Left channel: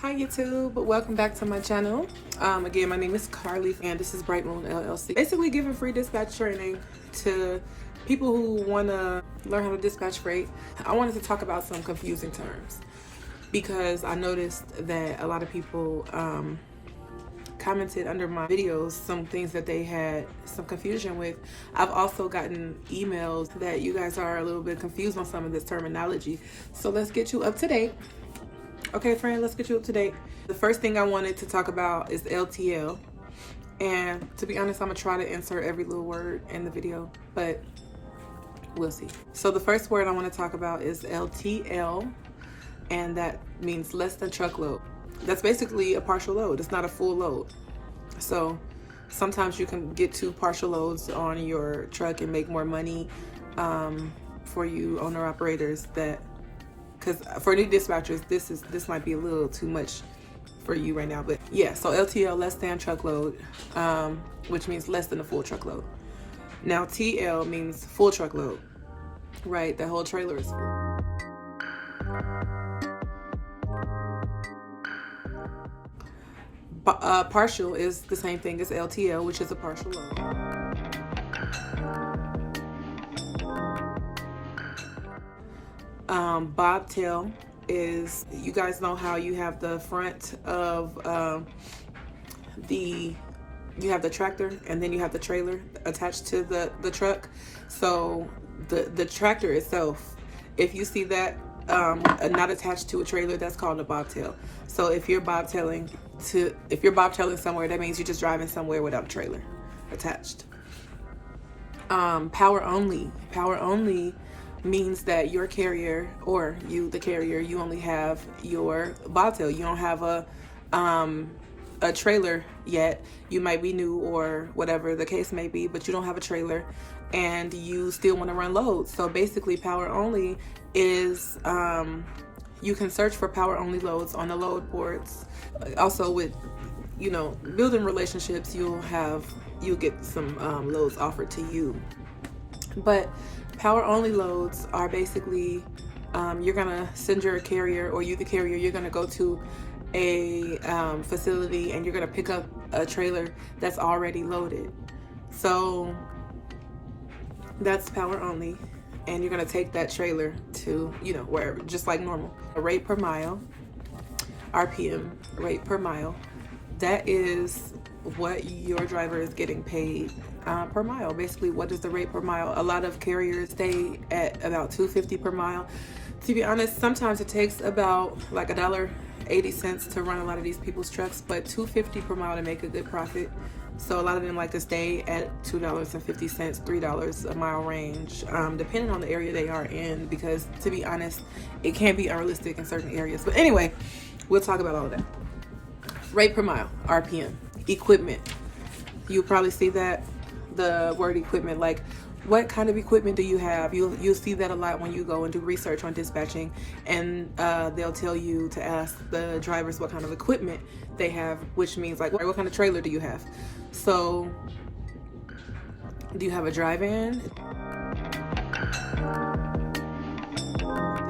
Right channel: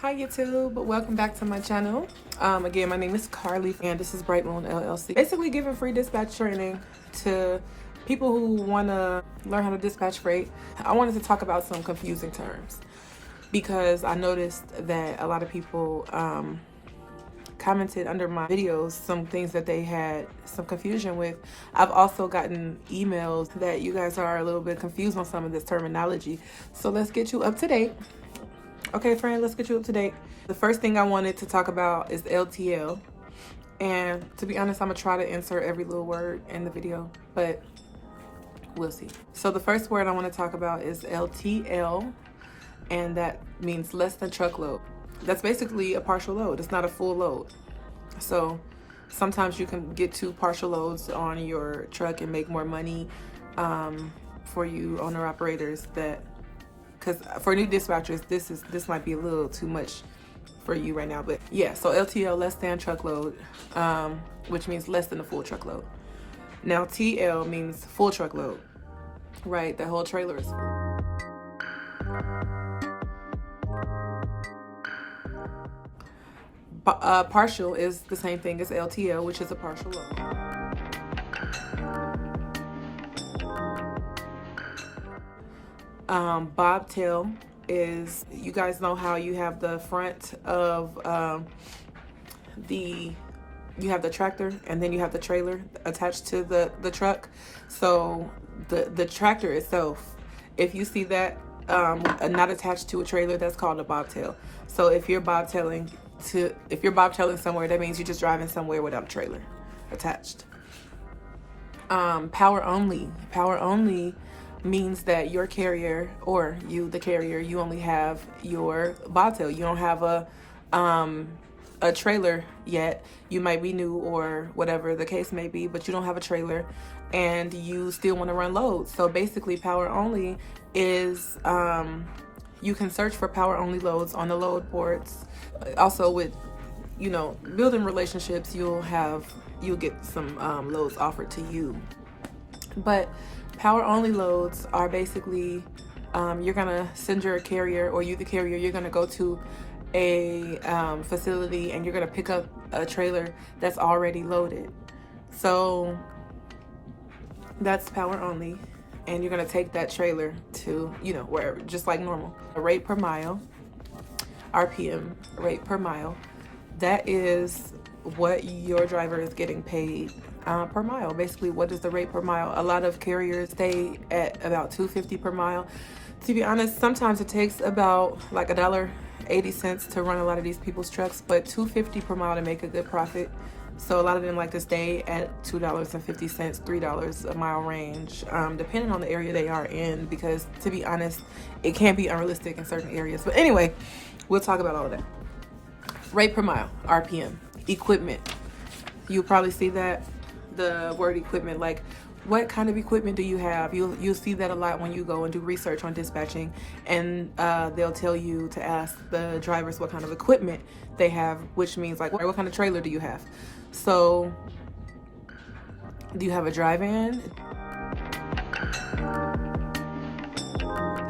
Hi YouTube, welcome back to my channel. Again, my name is Carly and this is Bright Moon LLC. Basically giving free dispatch training to people who want to learn how to dispatch freight. I wanted to talk about some confusing terms because I noticed that a lot of people commented under my videos some things that they had some confusion with. I've also gotten emails that you guys are a little bit confused on some of this terminology. So let's get you up to date. Okay, friend, let's get you up to date. The first thing I wanted to talk about is LTL. And to be honest, I'm gonna try to insert every little word in the video, but we'll see. So the first word I want to talk about is LTL, and that means less than truckload. That's basically a partial load. It's not a full load. So sometimes you can get 2 partial loads on your truck and make more money. For you owner operators, that because for new dispatchers, this might be a little too much for you right now, but yeah. So LTL, less than truckload, which means less than a full truckload. Now TL means full truckload, right? The whole trailer is full. Partial is the same thing as LTL, which is a partial load. Bobtail is, you guys know how you have the front of you have the tractor and then you have the trailer attached to the truck. So the tractor itself, if you see that not attached to a trailer, that's called a bobtail. So if you're bobtailing somewhere, that means you're just driving somewhere without a trailer attached. Power only means that your carrier, or you the carrier, you only have your bobtail. You don't have a trailer yet. You might be new or whatever the case may be, but you don't have a trailer and you still want to run loads. So basically power only is you can search for power only loads on the load boards. Also with, you know, building relationships, you'll get some loads offered to you. But power only loads are basically you're gonna send your carrier, or you the carrier, you're gonna go to a facility and you're gonna pick up a trailer that's already loaded. So that's power only, and you're gonna take that trailer to, you know, wherever, just like normal. A rate per mile, RPM, rate per mile, that is what your driver is getting paid per mile. Basically, what is the rate per mile? A lot of carriers stay at about $2.50 per mile. To be honest, sometimes it takes about like $1.80 to run a lot of these people's trucks, but $2.50 per mile to make a good profit. So a lot of them like to stay at $2.50, $3 a mile range, depending on the area they are in, because to be honest, it can be unrealistic in certain areas. But anyway, we'll talk about all of that. Rate per mile, RPM. Equipment. You'll probably see that, the word equipment, like what kind of equipment do you have? You'll see that a lot when you go and do research on dispatching, and they'll tell you to ask the drivers what kind of equipment they have, which means like what kind of trailer do you have? So do you have a dry van?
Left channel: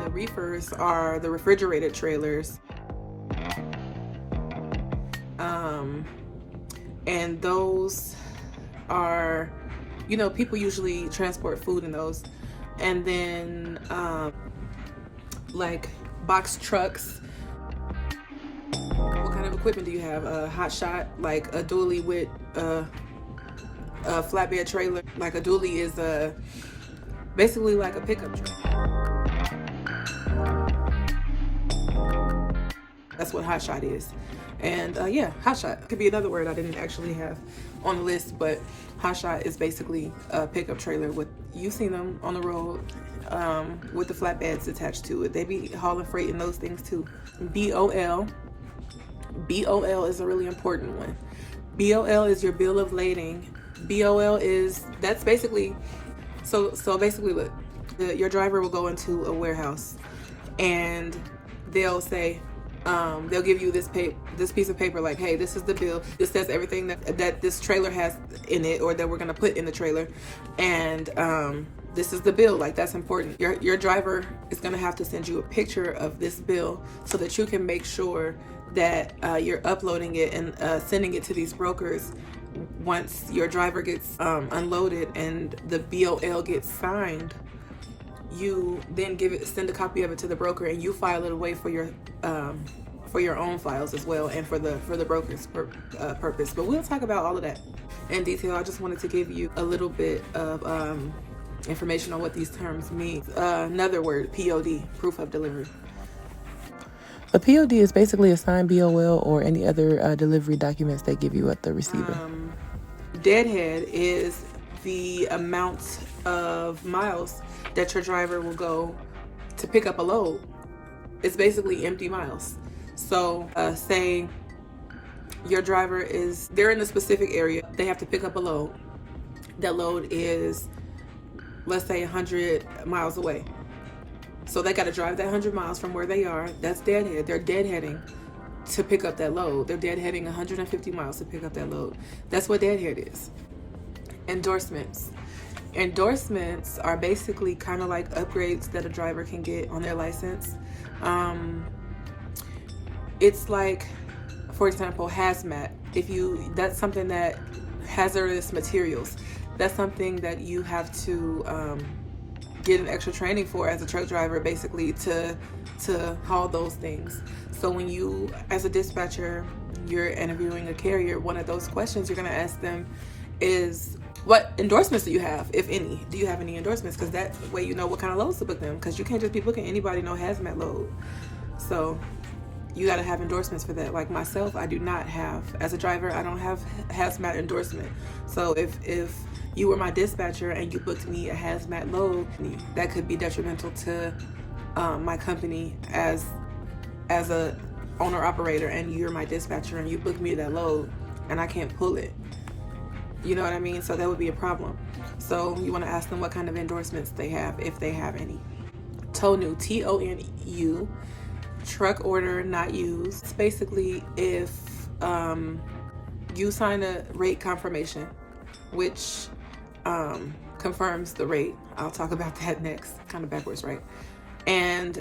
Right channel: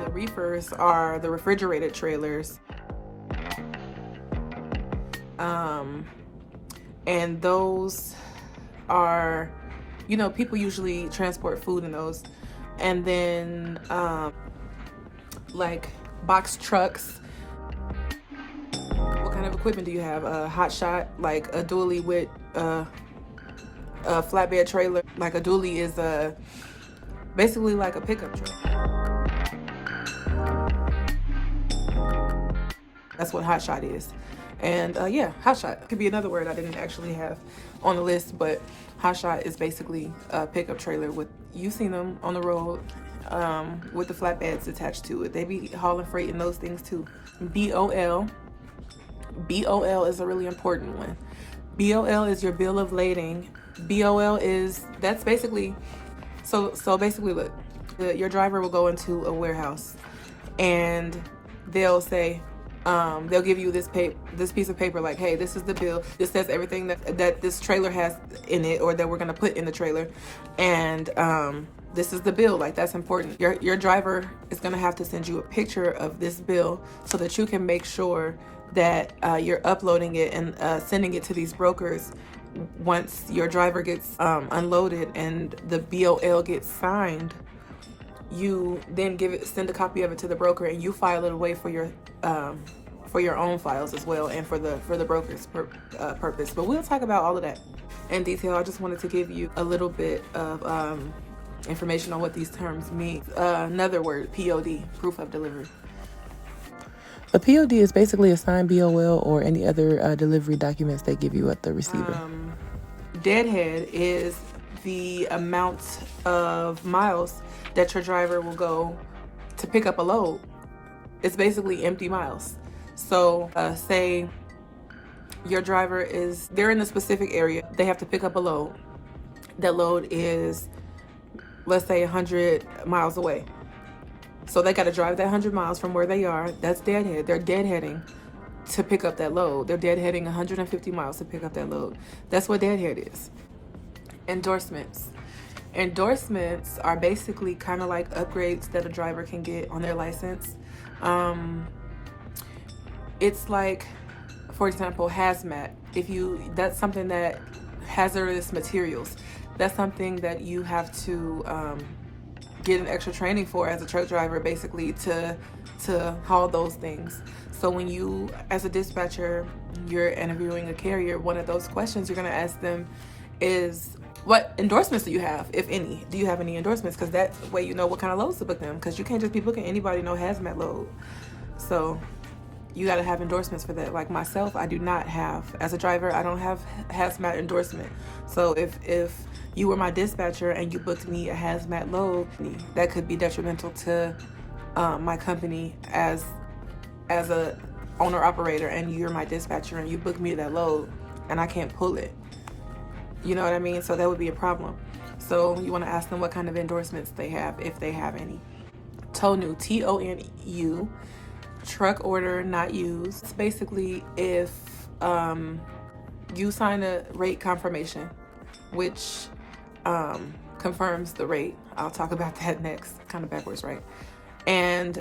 The reefers are the refrigerated trailers. And those are, you know, people usually transport food in those. And then like box trucks. What kind of equipment do you have? A hot shot, like a dually with a flatbed trailer. Like a dually is basically like a pickup truck. That's what hot shot is. And yeah, hot shot could be another word I didn't actually have on the list, but hot shot is basically a pickup trailer with, you've seen them on the road with the flatbeds attached to it. They be hauling freight in those things too. BOL is a really important one. BOL is your bill of lading. BOL is, that's basically, so basically look, your driver will go into a warehouse and they'll say, they'll give you this piece of paper, like, hey, this is the bill. It says everything that this trailer has in it, or that we're gonna put in the trailer, and this is the bill. Like, that's important. Your driver is gonna have to send you a picture of this bill so that you can make sure that you're uploading it and sending it to these brokers. Once your driver gets unloaded and the BOL gets signed, you then send a copy of it to the broker, and you file it away for your own files as well, and for the broker's purpose. But we'll talk about all of that in detail. I just wanted to give you a little bit of information on what these terms mean. Another word, POD, proof of delivery. A POD is basically a signed BOL or any other delivery documents they give you at the receiver. Deadhead is the amount of miles that your driver will go to pick up a load. It's basically empty miles. So say your driver they're in a specific area. They have to pick up a load. That load is, let's say, 100 miles away. So they got to drive that 100 miles from where they are. That's deadhead. They're deadheading to pick up that load. They're deadheading 150 miles to pick up that load. That's what deadhead is. Endorsements. Endorsements are basically kind of like upgrades that a driver can get on their license. It's like, for example, hazmat. That's something that hazardous materials. That's something that you have to get an extra training for as a truck driver, basically to haul those things. So when you, as a dispatcher, you're interviewing a carrier, one of those questions you're going to ask them is, what endorsements do you have, if any? Do you have any endorsements? Because that way you know what kind of loads to book them, because you can't just be booking anybody no hazmat load. So you got to have endorsements for that. Like myself, I do not have, as a driver, I don't have hazmat endorsement. So if you were my dispatcher and you booked me a hazmat load, that could be detrimental to my company as a owner operator, and you're my dispatcher and you book me that load and I can't pull it. You know what I mean? So that would be a problem. So you want to ask them what kind of endorsements they have, if they have any. TONU, TONU, truck order not used. It's basically if you sign a rate confirmation, which confirms the rate. I'll talk about that next. Kind of backwards, right? And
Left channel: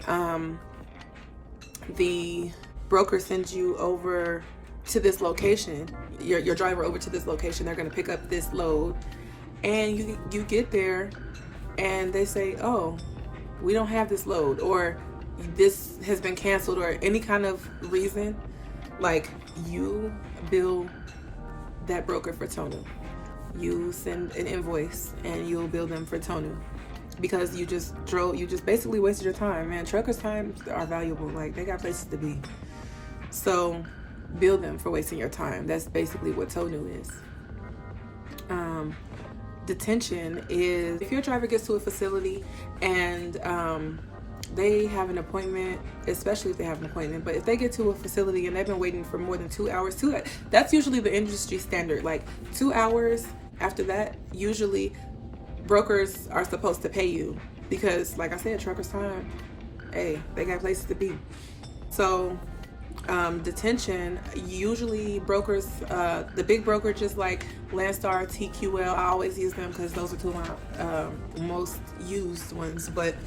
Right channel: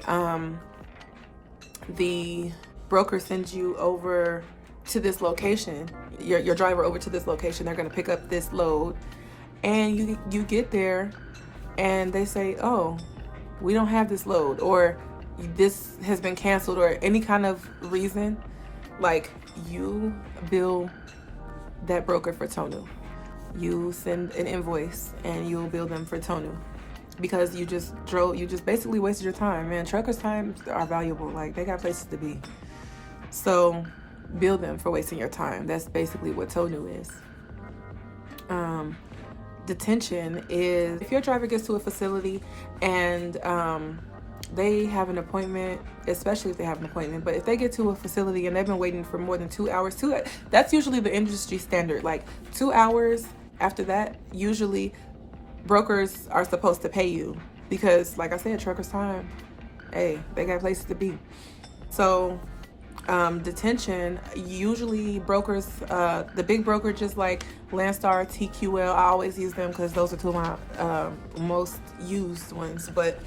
the broker sends you over to this location, your driver over to this location. They're going to pick up this load, and you get there and they say, oh, we don't have this load, or this has been canceled, or any kind of reason. Like, you bill that broker for TONU. You send an invoice and you'll bill them for TONU, because you just basically wasted your time, man. Truckers' times are valuable. Like, they got places to be. So bill them for wasting your time. That's basically what TONU is. Detention is if your driver gets to a facility and they have an appointment, especially if they have an appointment, but if they get to a facility and they've been waiting for more than 2 hours, that's usually the industry standard. Like 2 hours after that, usually brokers are supposed to pay you, because like I said, truckers' time, hey, they got places to be. So detention, usually brokers, the big brokerages like Landstar, TQL, I always use them because those are two of my most used ones, but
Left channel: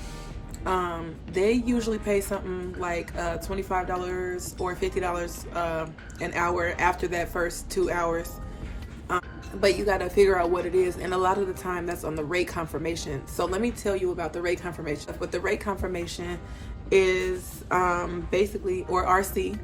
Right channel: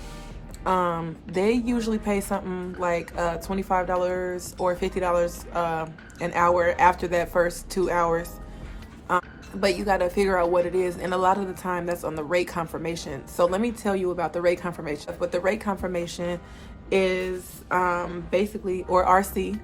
they usually pay something like $25 or $50 an hour after that first 2 hours. But you got to figure out what it is, and a lot of the time that's on the rate confirmation. So let me tell you about the rate confirmation. But the rate confirmation is basically, or RC,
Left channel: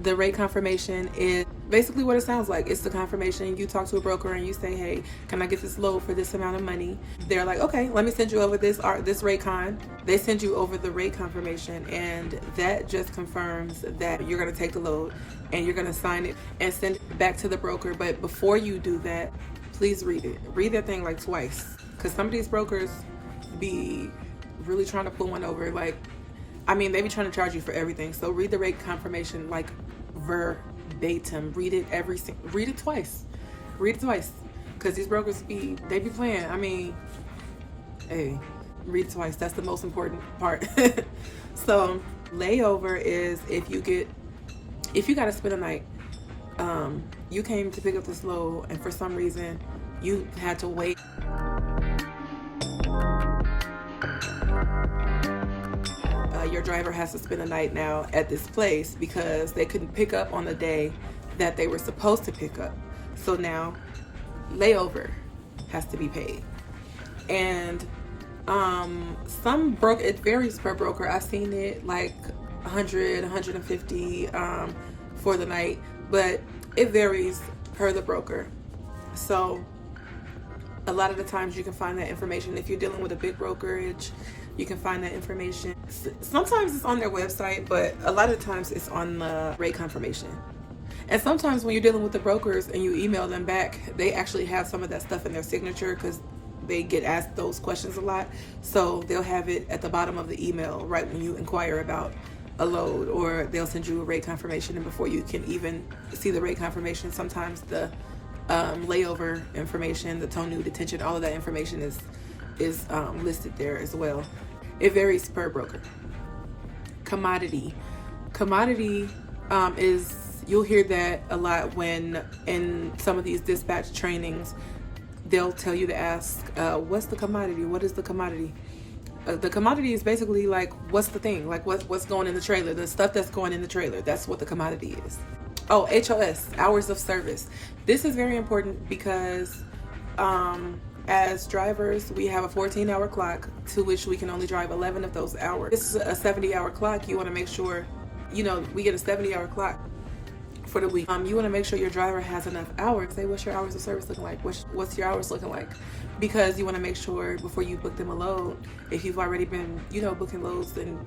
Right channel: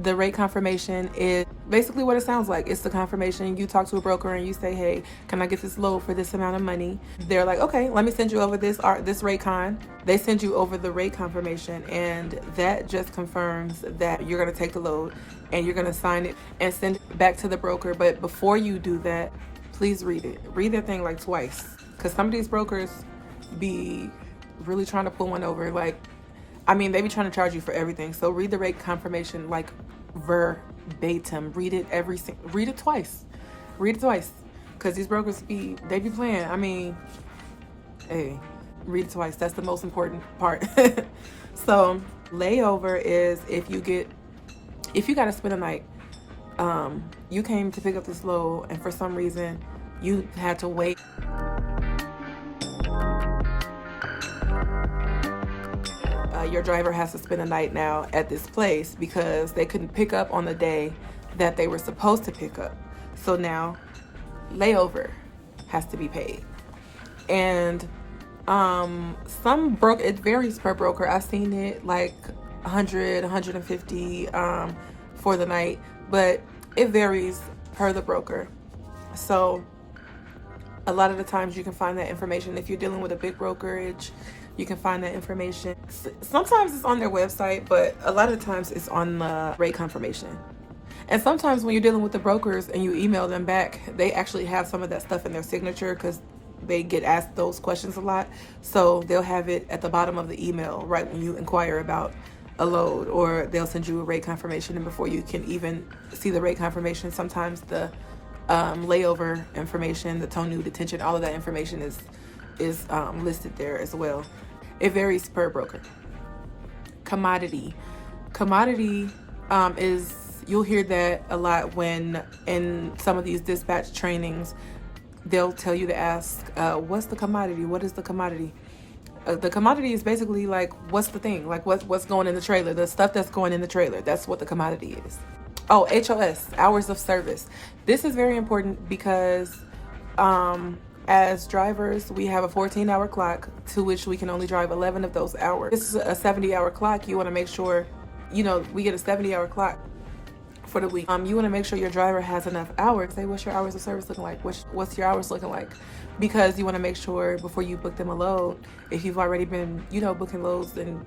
the rate confirmation is basically what it sounds like. It's the confirmation. You talk to a broker and you say, hey, can I get this load for this amount of money? They're like, okay, let me send you over this rate con. They send you over the rate confirmation, and that just confirms that you're going to take the load, and you're going to sign it and send it back to the broker. But before you do that, please read it. Read that thing like twice, because some of these brokers be really trying to pull one over. Like, I mean, they be trying to charge you for everything. So read the rate confirmation like verbatim. Read it twice. Read it twice. Because these brokers be playing. I mean, hey, read it twice. That's the most important part. So layover is if you got to spend a night. You came to pick up this load, and for some reason you had to wait. your driver has to spend the night now at this place because they couldn't pick up on the day that they were supposed to pick up. So now layover has to be paid. And it varies per broker. I've seen it like 100, 150 for the night, but it varies per the broker. So a lot of the times you can find that information. If you're dealing with a big brokerage, you can find that information. Sometimes it's on their website, but a lot of the times it's on the rate confirmation. And sometimes when you're dealing with the brokers and you email them back, they actually have some of that stuff in their signature because they get asked those questions a lot. So they'll have it at the bottom of the email right when you inquire about a load, or they'll send you a rate confirmation, and before you can even see the rate confirmation, sometimes the layover information, the TONU, detention, all of that information is listed there as well. It varies per broker. Commodity is, you'll hear that a lot when in some of these dispatch trainings they'll tell you to ask, what's the commodity? What is the commodity? The commodity is basically like, what's the thing? Like what's going in the trailer, the stuff that's going in the trailer. That's what the commodity is. Oh, HOS, hours of service. This is very important because as drivers, we have a 14-hour clock to which we can only drive 11 of those hours. This is a 70-hour clock. You want to make sure, we get a 70-hour clock for the week. You want to make sure your driver has enough hours. Say, what's your hours of service looking like? What's your hours looking like? Because you want to make sure before you book them a load, if you've already been, booking loads, then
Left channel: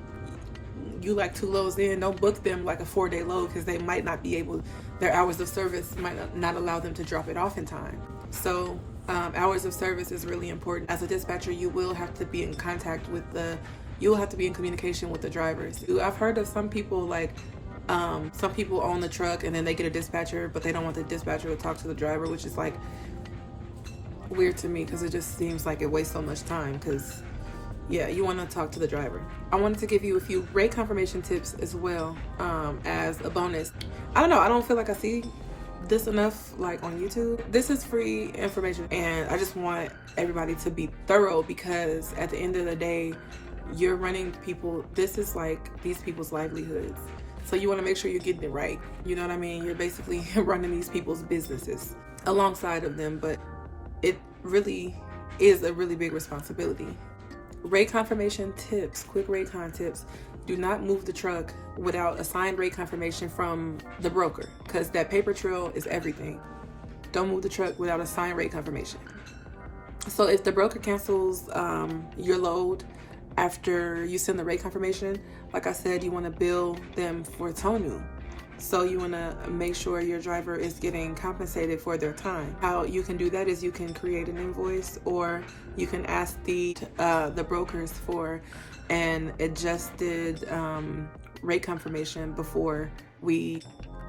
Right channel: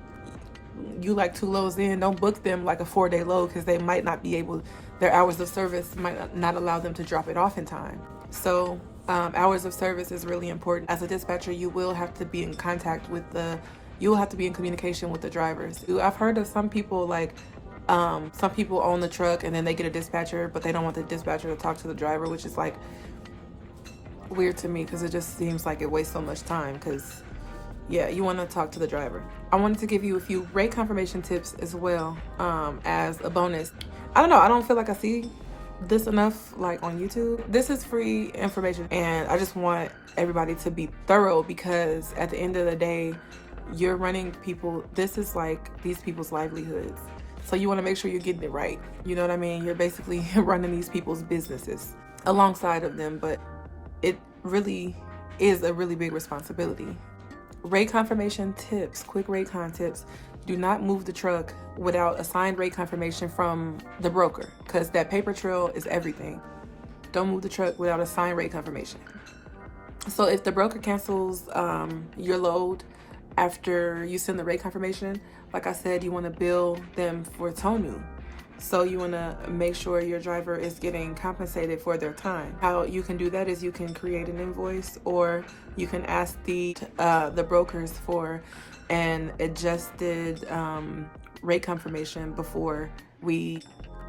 you like 2 loads in, don't book them like a 4-day load because they might not be able, their hours of service might not allow them to drop it off in time. So hours of service is really important. As a dispatcher, you will have to be in contact with you will have to be in communication with the drivers. I've heard of some people some people own the truck and then they get a dispatcher, but they don't want the dispatcher to talk to the driver, which is like weird to me because it just seems like it wastes so much time. Because you want to talk to the driver. I wanted to give you a few rate confirmation tips as well as a bonus. I don't know, I don't feel like I see this enough like on YouTube. This is free information and I just want everybody to be thorough because at the end of the day, you're running people, this is like these people's livelihoods. So you want to make sure you're getting it right. You know what I mean? You're basically running these people's businesses alongside of them, but it really is a really big responsibility. Rate confirmation tips, quick rate con tips. Do not move the truck without a signed rate confirmation from the broker because that paper trail is everything. Don't move the truck without a signed rate confirmation. So if the broker cancels your load after you send the rate confirmation, like I said, you want to bill them for TONU. So you want to make sure your driver is getting compensated for their time. How you can do that is you can create an invoice, or you can ask the brokers for an adjusted rate confirmation before we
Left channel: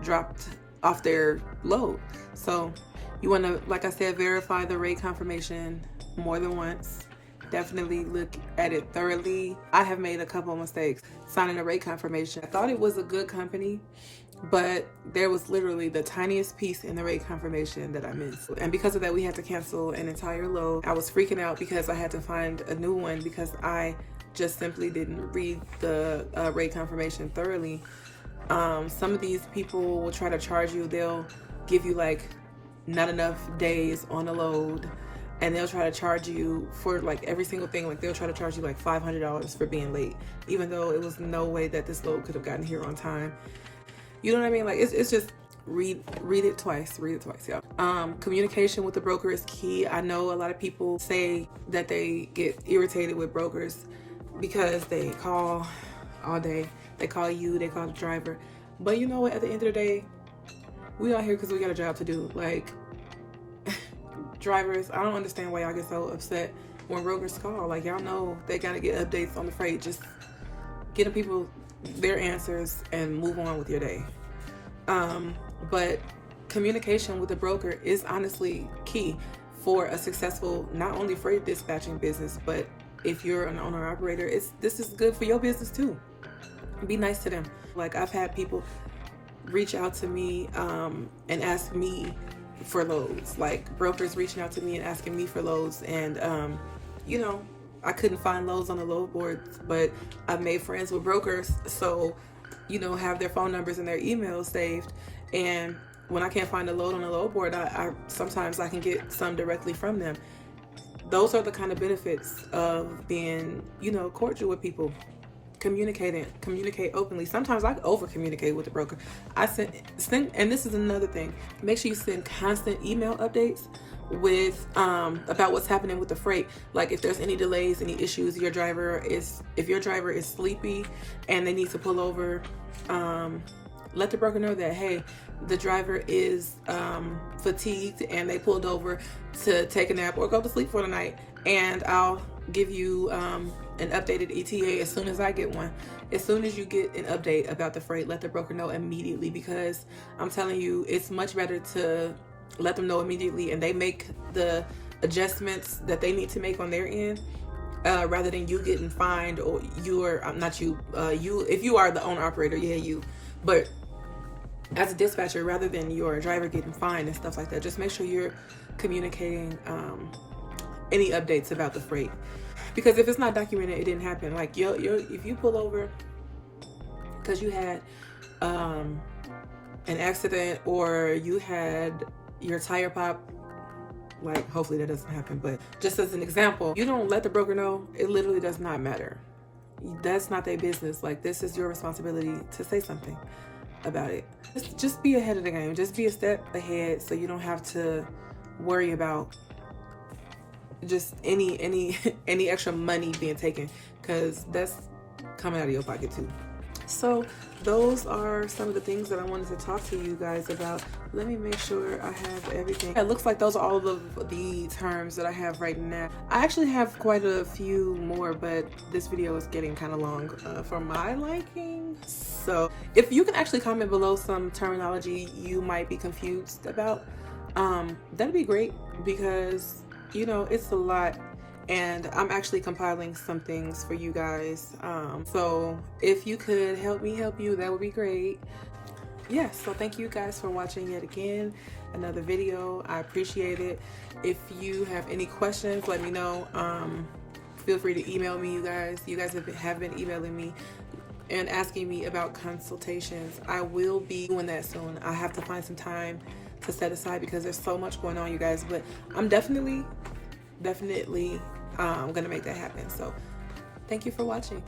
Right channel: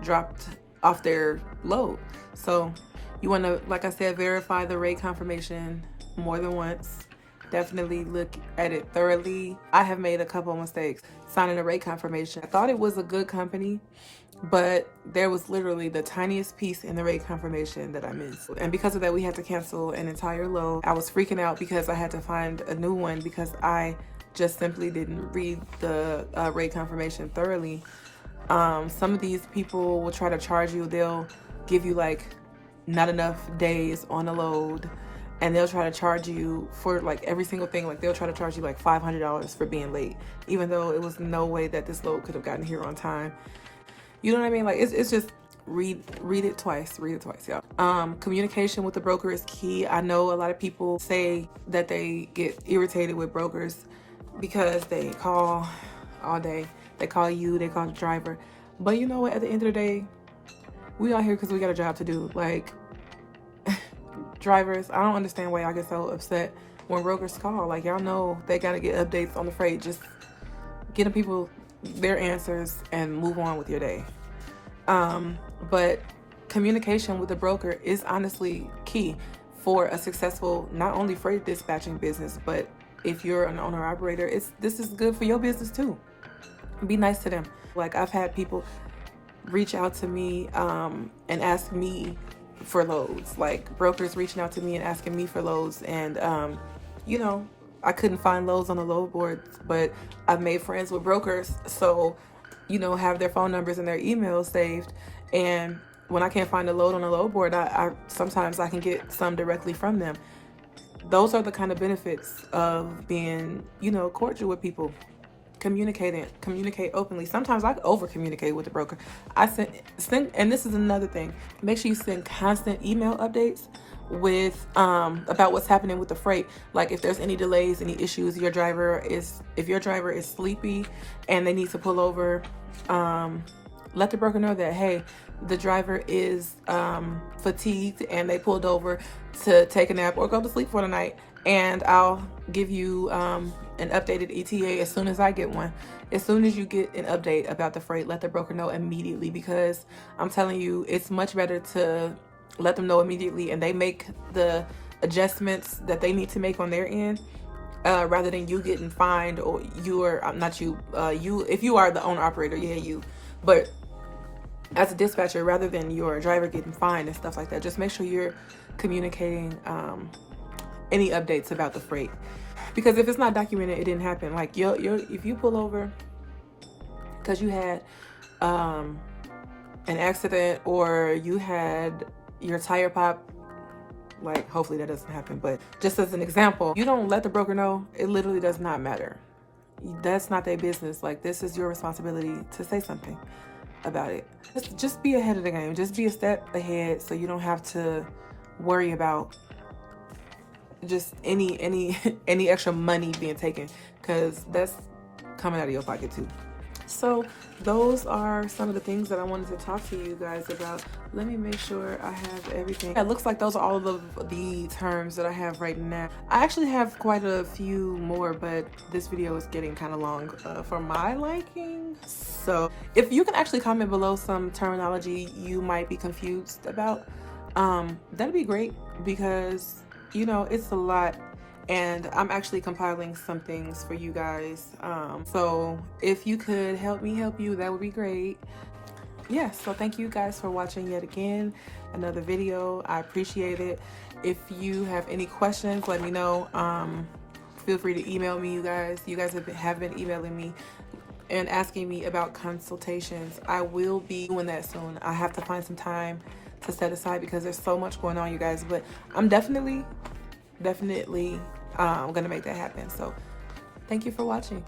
dropped off their load. So you want to, like I said, verify the rate confirmation more than once. Definitely look at it thoroughly. I have made a couple of mistakes signing a rate confirmation. I thought it was a good company, but there was literally the tiniest piece in the rate confirmation that I missed. And because of that, we had to cancel an entire load. I was freaking out because I had to find a new one because I just simply didn't read the rate confirmation thoroughly. Some of these people will try to charge you. They'll give you like not enough days on a load, and they'll try to charge you for like every single thing. Like they'll try to charge you like $500 for being late, even though it was no way that this load could have gotten here on time. You know what I mean? Like it's just read it twice, yeah. Communication with the broker is key. I know a lot of people say that they get irritated with brokers because they call all day. They call you, they call the driver. But you know what? At the end of the day, we out here because we got a job to do. Like, drivers, I don't understand why y'all get so upset when brokers call. Like, y'all know they got to get updates on the freight. Just get them people their answers and move on with your day. But communication with the broker is honestly key for a successful, not only freight dispatching business, but if you're an owner operator, this is good for your business too. Be nice to them. Like, I've had people reach out to me and ask me for loads, like brokers reaching out to me and asking me for loads, and you know, I couldn't find loads on the load boards, but I've made friends with brokers, so have their phone numbers and their emails saved. And when I can't find a load on a load board, I sometimes I can get some directly from them. Those are the kind of benefits of being, cordial with people. Communicate openly. Sometimes I over communicate with the broker. I send, and this is another thing. Make sure you send constant email updates with about what's happening with the freight. Like if there's any delays, any issues, if your driver is sleepy and they need to pull over, let the broker know that, hey, the driver is fatigued and they pulled over to take a nap or go to sleep for the night, and I'll give you an updated ETA as soon as I get one. As soon as you get an update about the freight, let the broker know immediately, because I'm telling you, it's much better to let them know immediately and they make the adjustments that they need to make on their end, rather than you getting fined, or if you are the owner operator, but as a dispatcher, rather than your driver getting fined and stuff like that, just make sure you're communicating any updates about the freight. Because if it's not documented, it didn't happen. Like if you pull over because you had an accident or you had your tire pop, like hopefully that doesn't happen, but just as an example, you don't let the broker know, it literally does not matter. That's not their business. Like, this is your responsibility to say something about it. Just be ahead of the game. Just be a step ahead, so you don't have to worry about just any extra money being taken, because that's coming out of your pocket too. So those are some of the things that I wanted to talk to you guys about. Let me make sure I have everything. It looks like those are all of the terms that I have right now. I actually have quite a few more, but this video is getting kind of long for my liking. So if you can actually comment below some terminology you might be confused about, that'd be great, because it's a lot, and I'm actually compiling some things for you guys. So if you could help me help you, that would be great. So thank you guys for watching yet again another video. I appreciate it. If you have any questions, let me know. Feel free to email me. You guys have been emailing me and asking me about consultations. I will be doing that soon. I have to find some time to set aside because there's so much going on, you guys, but I'm definitely gonna make that happen. So thank you for watching.